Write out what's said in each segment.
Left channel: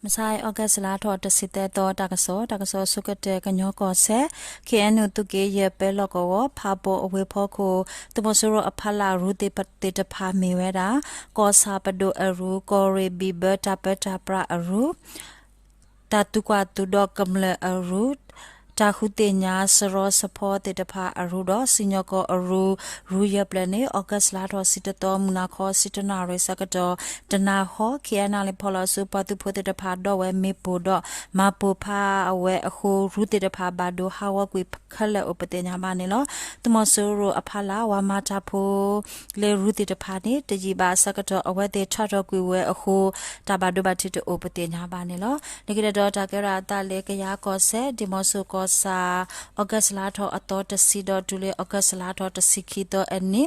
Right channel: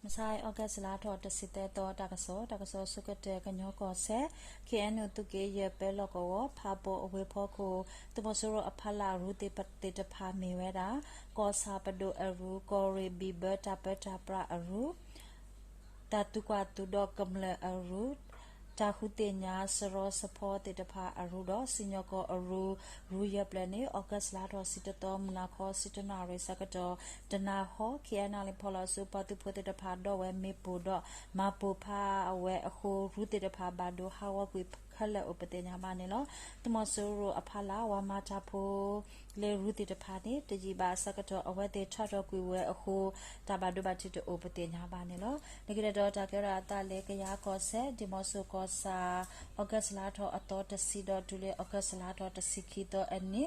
Masai August la to to site to takaso sukate kanyo ko se KNU to ke ye pelo ko phapo awe pho ko tumosuro aphala rute patte ta pha me wera ko sa pado aru ko re biber tapeta pra aru tatu kwa tu do kamle aru ta khute nya sro sapho te ta pha aru do sinyo ko aru ru ye plane August la to site to muna kho sitana re sakato dana ho kiana le phola su patu phote ta pha do we me po do ma po pha awe akho ru te ta pha ba do ha wa kwi khale opate nya ba ne lo tumo su ro aphala wa ma ta pho le ru te ta pha ne te ji ba sakato awe te tha do kwi we akho ta ba do ba ti to opate nya ba ne lo ne ki do ta ke ra ta le ke ya ko se dimo su ko sa August la tho ato ta si do tu le August la tho ta si ki to ani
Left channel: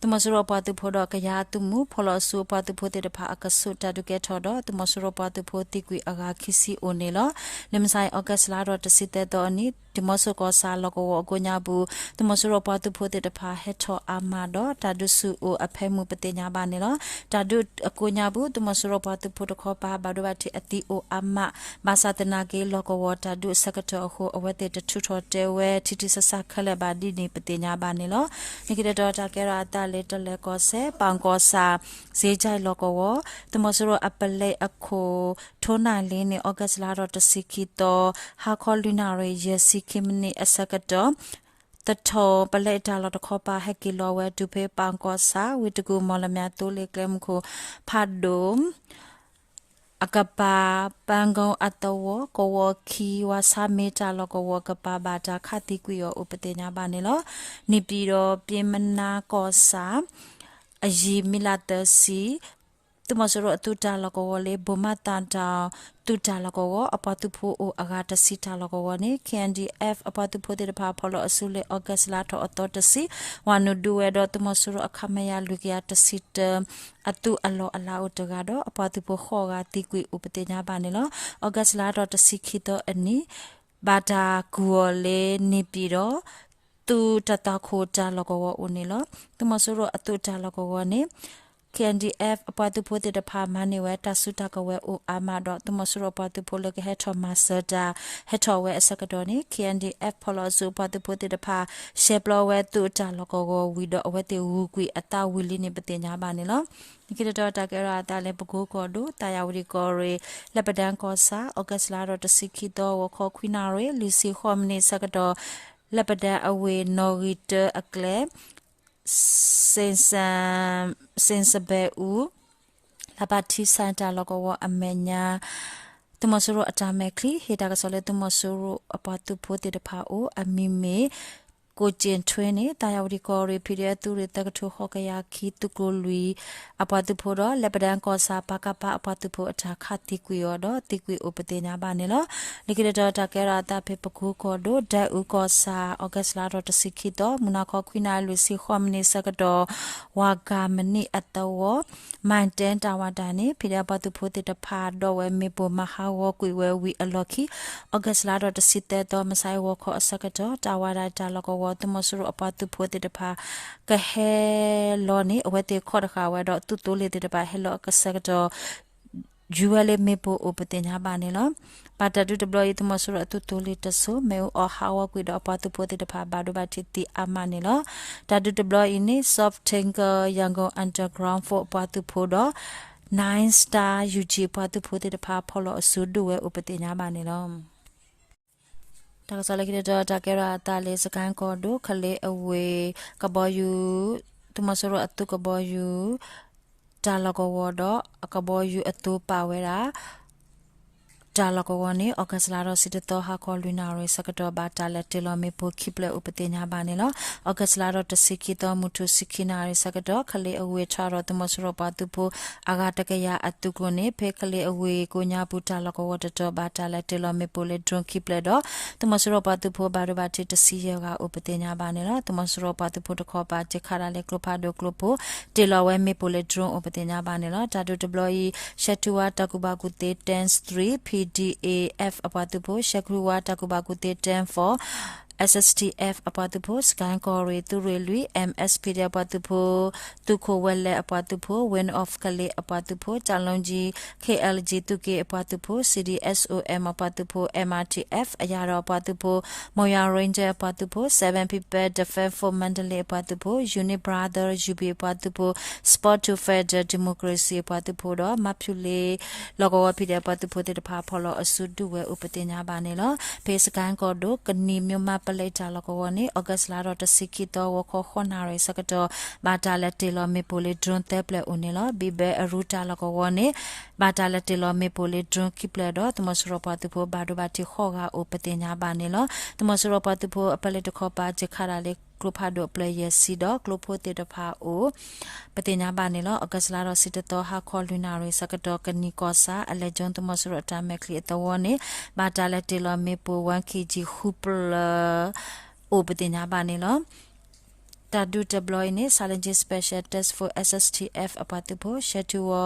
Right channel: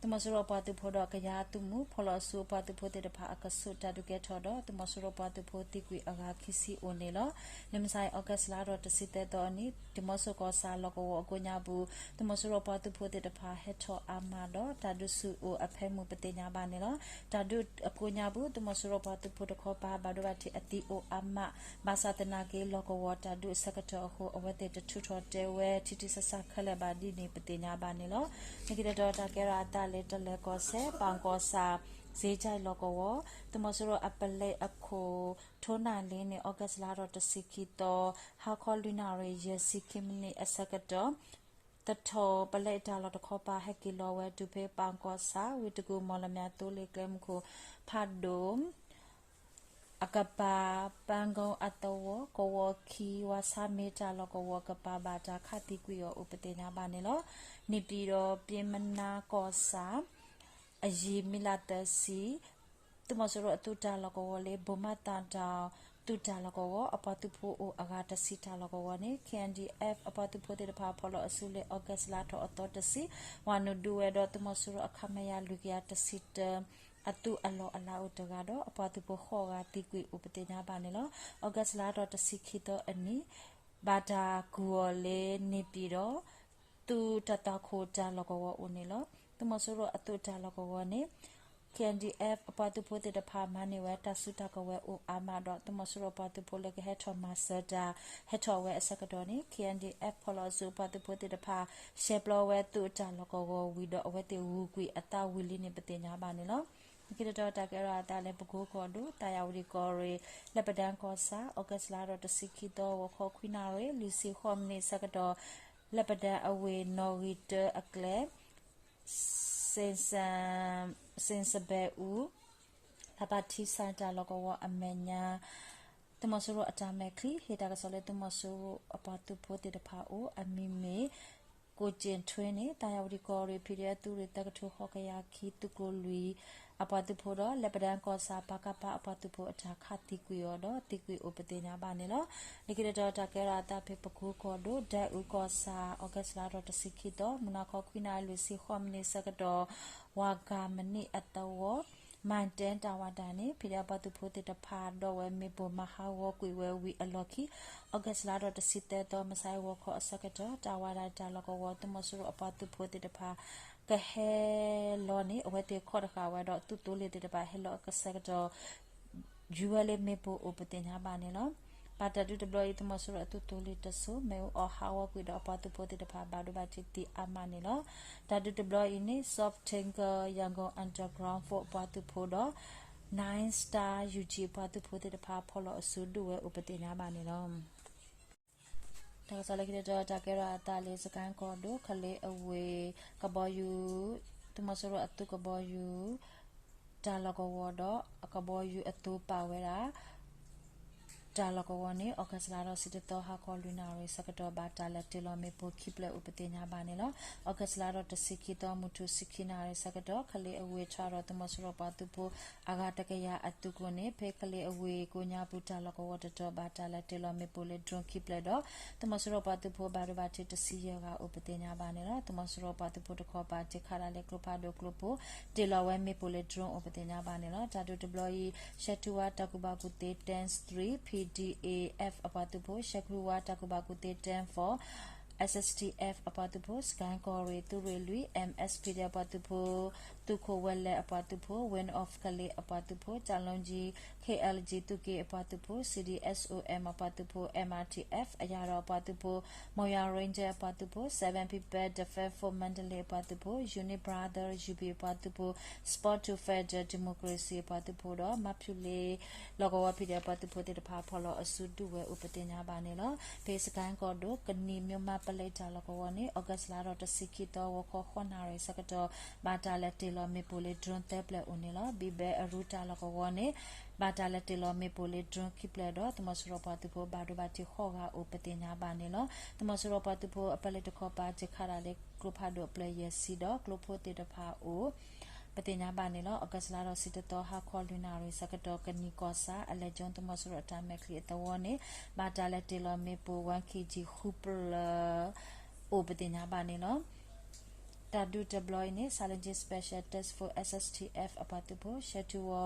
tumasuro patu phodo kaya tumu pholo su patu phote de pha akasu ta du ke thodo tumasuro patu photi kwi aga khisi onelo lemsai August la ro ta site to ani timoso ko sa logo go nya bu tumasuro patu phote de pha he tho ama do ta du su o aphe mu pate nya ba ne lo ta du ko nya bu tumasuro patu photo kho pa ba do ba ti ati o ama ba sa tana ke logo wo ta du sakato ho awate de thu tho te we titi sa sa khale ba di ni pate nya ba ne lo ni ke do ta ke ra ta le to le ko se pang ko sa ze jai lo ko wo tumasuro apale akho thona le ni August la ro to sikito ha kholina re ye sikimni asakatoตทอปะเลตาลอตคอปาให้กิโลเวตุเพปังกอสาวิตกูมอลเมียตุเลเกมคูพาดมอากาปาปังกงอัตโวกวคีวาซาเมตาลกวกปาบาจาคติกุยอุปเตญาบานิโลนิปีโรเปียมนากอสาอยีมิลาเตสีตุมสโรตุตาลกวเลบุมาตันตาตุตาลกวอปตุโพโออากาตสิตาลกวเน KNDF อปตุโพเตพาพอลอสุเลออกัสลาทออตตสิวานุดูเวดตุมสโรอคามยาลุกยาตสิตอตุอโลอลาอุตกาดอปตุโพขอกาติกุยอุปเตญาบาเนลออกัสลาทอตสิขิตอนีบาดากัวเลนิปีโรตุตตาโคจาลกวออุเนลอตุมสโรอตุจาลกวเนKNDF အပတ်သူဖို့တဲ့ဖာမနေဝဲတဆုတကဝဲအိုအာမတော့တမဆရပတ်သူဖို့လကဟက်ထမဆတာဟက်ထဝဲအစကတော်နေ KNDF ဖလောစုပတ်သူဖို့တဲ့ဖာရှေပလဝဲသူတလကောကိုဝီတော့အဝဲတေဝူကွီအတဝီလီနေပတင်ညာပါနေလောဒီကတော်တကရတာလေပကိုကောဒိုတာယာဝရီကောရေလက်ပဒန်ကောစာဩဂတ်လာတော့တစီခီတော့ဝခေါခွီနာရေလူစီခေါမနေစကတော်လက်ပဒန်အဝေနော်ဂီတအကလေsensabe u labati santa logo amenya tumasuro atamekli heta kasole tumasuro apatu phote de pha o amimeကိုကျင်ထွင်းနေတာယာဝဒီကောရီဖီရဲသူရတကထုခောကယာခီတုကိုလူအပတုဖို့တော့လက်ပဒန်ကောစာပကပအပတုဖို့အထာခတိကွေရောတော့တိကွေဥပတေညာပါနေလောနိကေတော့တကဲရာတာဖေပကူကောဒိုဒဲဥကောစာဩဂတ်လာတော့တစိခိတော့မနာခောခွိနာလူစီခောမနေစကတော့ဝါဂမနိအတောမန်တန်တာဝတာနေဖီရဲပတုဖို့တဖာတော့ဝဲမေပမဟာဝကွေဝဲဝီအလော်ခီဩဂတ်လာတော့တစိတဲ့တော့မဆိုင်ဝခောအစကတော့တာဝတာတာလောကောတမဆရအပတုဖိုတေတဖာကဟဲလောနီအဝတေခေါ်တခါဝဲတော့တူတူလေးတေတဖာဟဲလောကစကတော့ဂျူဝဲလေးမေပိုအပတင်ညာပါနေလောပါတတူတဘလယတမဆရတူတူလေးတဆုမေအဟာဝကွေတော့အပတုဖိုတေတဖာဘာဒိုဘာတီတီအမနေလောတတူတဘလယင်း soft tanker yangon underground for အပတုဖိုတော့9 star UG အပတုဖိုတေတဖာဖော်လို့အဆူဒူဝဲအပတင်ညာပါနေလောတကစလကိတော့တကရတာလေစကန်ကောဒိုခလေအဝေကဘောယူသူမဆရအတုကဘောယူတာလကောဝဒအကဘောယူအတုပါဝဲတာတာလကောဝနေဩဂတ်လာတော့စစ်တော့ဟာကောလူနာရစကတော့ဘာတာလက်တလမေပိုခိပလေဥပတေညာပါနေလောဩဂတ်လာတော့တစိခိတော့မုထုစိခိနာရစကတော့ခလေအဝေချတော့တမဆရပါတုဖို့အာဂတကရအတုကိုနေဖေခလေအဝေကိုညာပူတာလကောဝတော့ဘာတာလက်တလမေပိုလေဒွန်ခိပလေတော့တမဆရပါတုဖို့ဘာရဘာတိတစီရကဥပတေညာပါနေလောတမဆရပါတုဖို့တခေါ်ပါချခါရလေကလဖာဒိုကလပိုတလဝဲမေပိုလေဒွန်ဥပတေညာပါနေလောတာဒိုဒဘလီရှတူဝါတကူဘာကုတေ10 3 PDAF အပတုဖို့ရှကရူဝါတကူဘာကုတေ10 4 SSTF အပွားသူဖို့စကန်ကောရီသူရီလူ MSP အပွားသူဖို့သူခိုဝဲလဲအပွားသူဖို့ Win of ကလေးအပွားသူဖို့ကြာလုံးကြီး KLG သူကေအပွားသူဖို့ CDSOM အပွားသူဖို့ MRTF အရာတော်အပွားသူဖို့မော်ယာ Ranger အပွားသူဖို့ 7 People Defense for Mandalay အပွားသူဖို့ Unit Brother UB အပွားသူဖို့ Sport to Federal Democracy အပွားသူဖို့တော့မဖြူလေးလောကဝဖိတဲ့အပွားသူဖို့တဲ့ဖာဖော်လို့အစုဒုဝဲဥပတင်ညာပါနေလို့ဖေစကန်ကောတို့ကနီမြို့မပလိတာလောကဝနေဩဂတ်လာတော့တစီကီတော့ဝခခွန်နာရစကတော့ဘာတာလက်တေလောမေပိုလီဒရွန်တက်ပလက်ဦးနေလို့ဘီဘဲအရူတာလောကဝနေဘာတာလက်တေလောမေပိုလီဒရွန်ကိပလက်တော့တမစရပတူဖို့ဘာဒဘာတီခေါကဥပတင်ညာပါနေလို့တမစရပတူဖို့အပလက်တခေါပါဂျခါရာလေးကလုဖာဒိုပလေယာစီတော့ကလုဖိုတေတဖာအိုပတင်ညာပါနေလို့အကစလာတော့စစ်တော်ဟာခေါ်လူနာရစကတော့ကနီကောစာအလက်ဂျွန်တမစရတာမက်ခလီတော်နေဘာတာလက်တေလောမေပို 1kg ဟူပလာအိုပတင်ညာပါနေလို့တာဒူတဘလိုင်းနေ Challenge Special Test for SSTF အပတ်တူဖို့ Shetuwa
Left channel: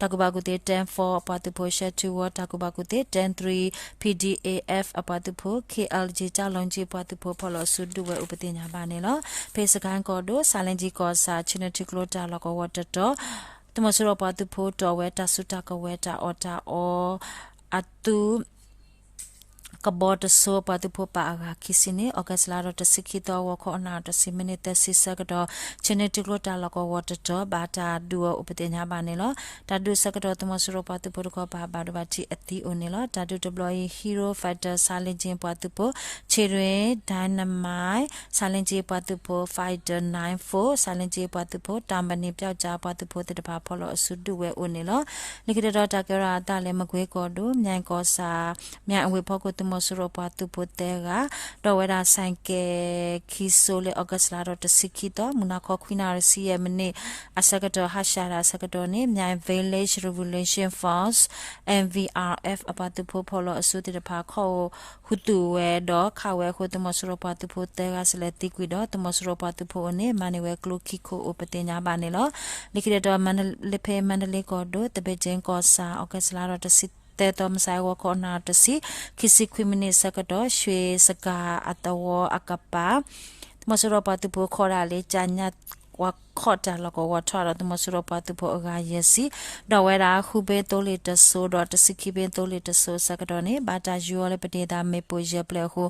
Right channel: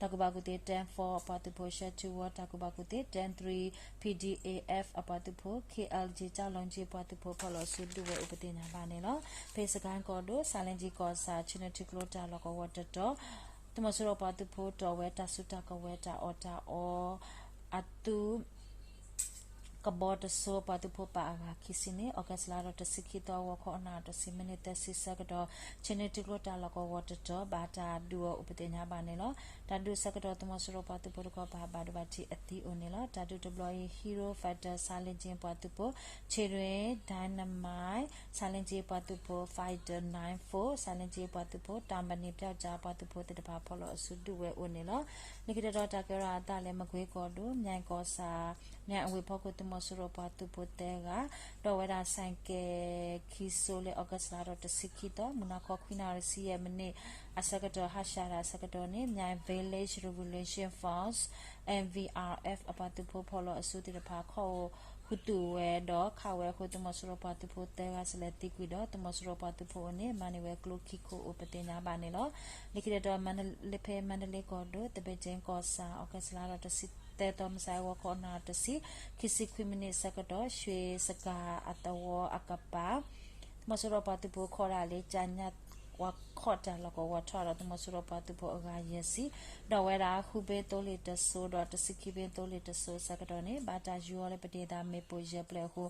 တကဘာကုတေ10-4အပတ်တူဖို့ Shetuwa တကဘာကုတေ10-3 PDAF အပတ်တူဖို့ KLG ကြောက်လုံးကြီးအပတ်တူဖို့ဖော်လို့ဆုဒူဝဲဥပဒေညာပါနေလို့ဖေစကန်ကောဒို Challenge ကောစာ Genetic Lota လောကဝတ်တော့တမစရပတ်တူဖို့တော်ဝဲတဆုတကဝဲတာအော်တာအော်အတူကဘောတဆိုပတူဖို့ပါကခိစနေဩဂတ်လာတော့တစိခိတော့ဝခေါနာတစိမိနစ်တစိစကတော့ချင်းတီကလိုတာလကောဝတ်တော့ဘာတာဒူဥပဒေညာပါနေလို့တာဒူစကတော့တမစရပတူဖို့ကပါဘာဒဘာတီအတီအိုနေလို့တာဒူဒပလိုယီဟီရိုဖိုက်တာဆာလင်ဂျင်ပတူဖို့ခြေရွေဒိုင်နမိုင်ဆာလင်ဂျီပတူဖို့ဖိုက်တာ94ဆာလင်ဂျီပတူဖို့တမ်ပနီပြောက်ကြပတူဖို့တပါဖော်လို့အစုဒူဝဲအိုနေလို့လိကတော်တာကရာတာလည်းမကွေးကောဒူမြိုင်ကောစာမြိုင်အဝေဖောက်ကိုမစရပတူပိုတဲကတော့ဝဲတာဆိုင်ကဲခီဆိုလေဩဂတ်လာတော့တစိခီတော့မနာခခွိနာရစီယမနေအစကတော့ဟာရှာရာစကတော့နေမြိုင် Village Revolution Force MVRF အပတ်တူဖို့ဖော်လို့အစုတဖာခေါ်ဟူတူဝဲတော့ခဝဲခုတမစရပတူဖို့တဲကစလက်တိကွီတော့တမစရပတူဖို့နေမနီဝဲကလုခိခိုဥပတင်ညာပါနေလို့လိခိတော့မန္တလေးဖေမန္တလေးကောတော့တပေချင်းကောစာဩဂတ်လာတော့တစိတဲတော်မဆိုင်ဝခေါနာတစီခီစီခွီမနီစကတော့ရွှေစကာအတဝအကပါမစရပတူဖို့ခေါ်ရလေချာညတ်ဝခေါ်တာလကောဝထွာတော့မစရပတူဖို့အကရစီတော့ဝဲတာခုဘေတိုလီတဆိုတော့တစီခိဘေတိုလီတဆိုစကတော့နေဘာတာယူရလေပတေတာမေပိုရပလေဟု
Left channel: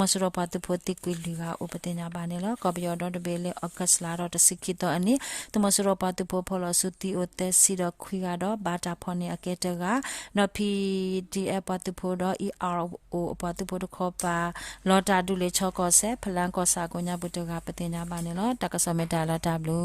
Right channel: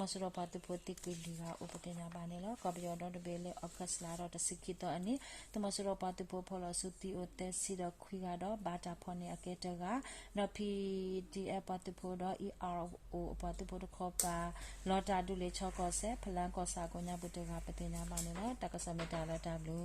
မစရပတူဖို့တိကွီလီကဥပဒေညာပါနေလောကော်ပီယောတော့တဘေလေအကစလာတော့တစီခိတော့အနိမစရပတူဖို့ဖော်လို့စုတီအိုတက်စီတော့ခွီကတော့ဘာတာဖော်နေအကဲတကနော် PDF ပတူဖို့တော့ ERO ပတူဖို့တော့ခေါ်ပါလော်တာဒူလေချောကောဆဲဖလန်ကောစာကိုညာဘုတကပတင်ညာပါနေလောတကဆမေတာလာတာဘလူ